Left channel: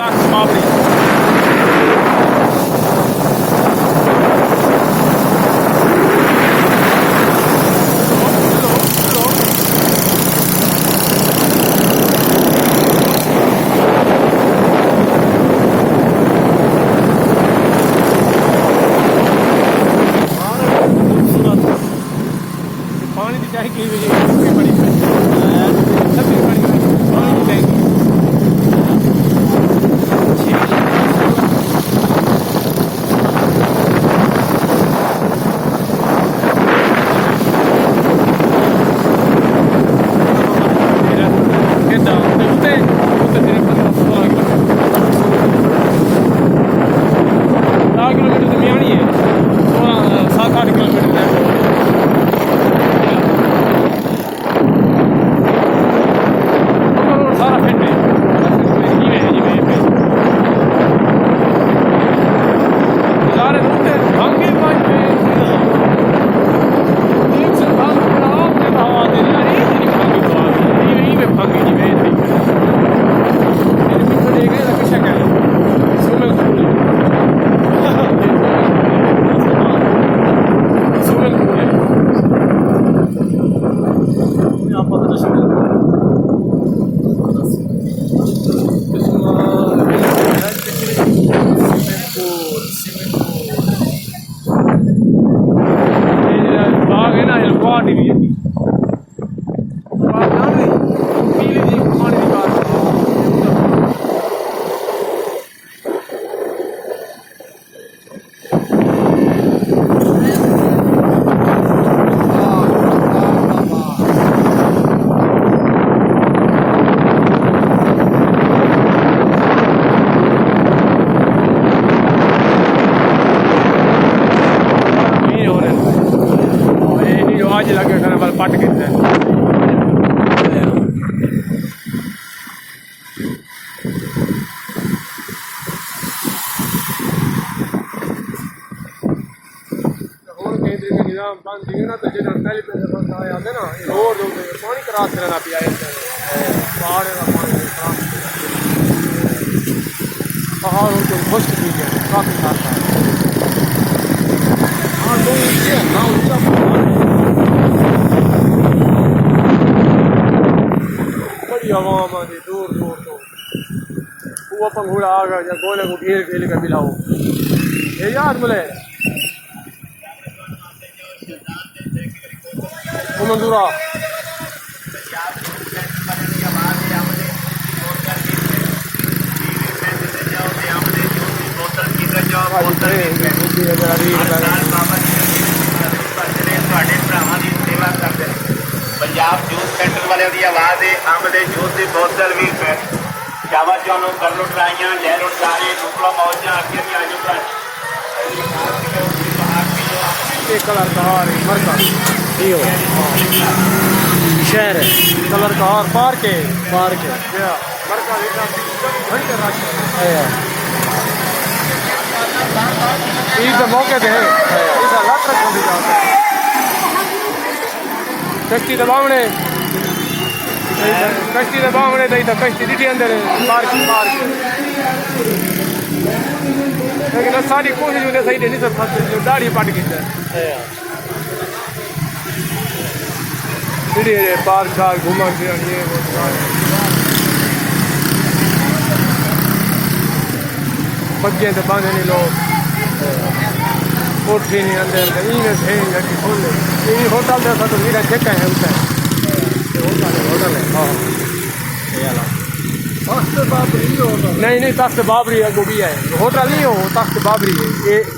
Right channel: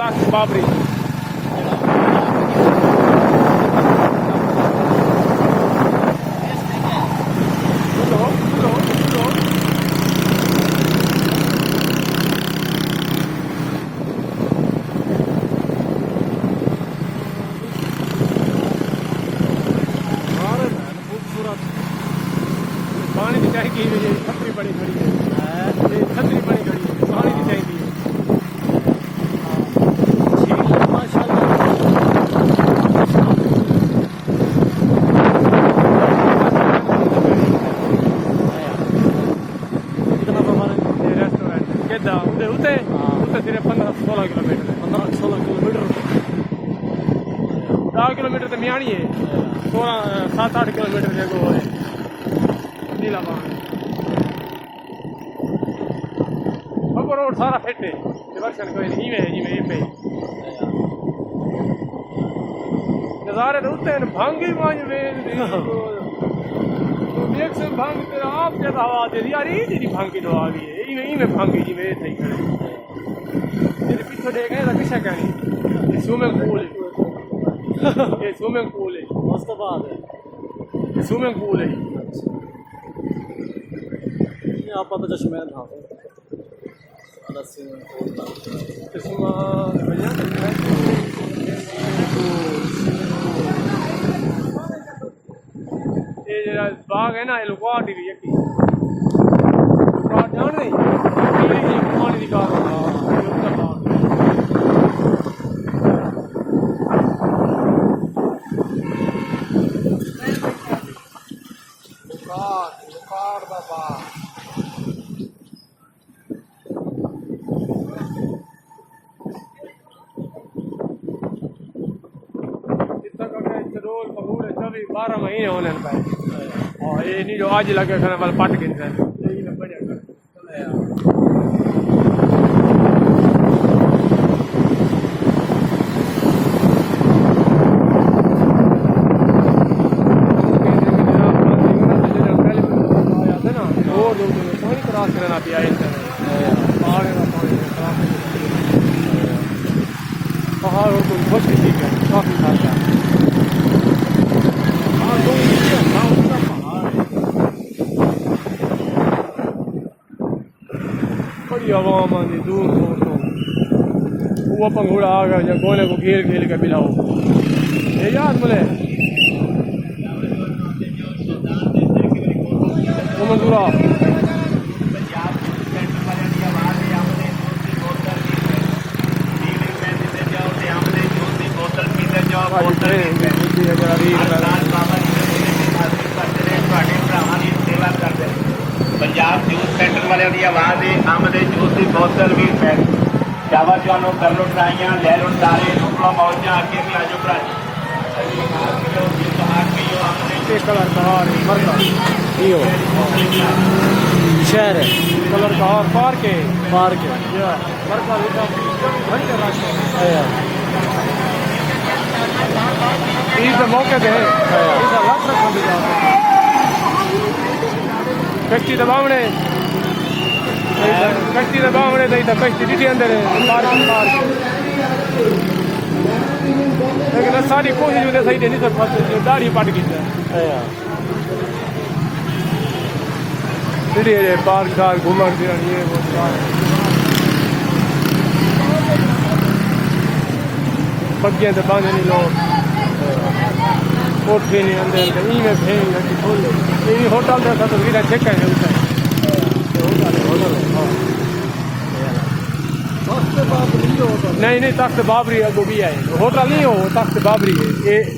तख्त बाबरी पानी की चाय की बड़ी किलोमीटर दरमियानी है 7-8 किलोमीटर सारा पिंड नज़ारे होते भांगी एक से भांग आपने हवा दे दिया नहीं भांगी तो आ गई यही में भांगी जी में थी तो देखे ना कैसा करें स्विमिंग पूल स्विमिंग पूल यहाँ पर तो बाग है ना पानी की आज लगे घर वाले पट गए पानी क्रॉस करना पिया पहाड़ का पानी पहाड़ और कोई खुश चीज है काफी खाता हाँ तो बड़ी हवा मानी दूर दूर तो वो पंगूड़ा आ गया या गोले को घेर घेर के बिलाओ ये याद बोले वो मंजूरा पंजाब जूस सेंटर वाले की आवाज़ है अंब दे जूस की बोतल भी है जावा चानो कर लो ट्राइयां ले लो सारे नुकड़ा मौजा आके भी आजो भरा एक कलर का हार मरका शहर है कलर का हार पार्क है या मरका लेटा घंटे राशि ईद मौके पे है इस लाख रख दी जाता है कश्ती दबावने दई तो कश्ती ॾिठी अंदर पार्क लेकिन सारी कोशिश होती सही नहीं सब दाढ़ी पट गई ॾिठी पार्क शार्क घूमण फिरण ये वो बगियां तो बांधे नहीं लोग कोठी नहीं अंदर इन्हें भेज लगी खोले ये होटल से तो वीरा चेक है उसे होटल है नहीं तख्त बाबरी है वो भी है होटल नहीं हो तख्त बाबरी है ये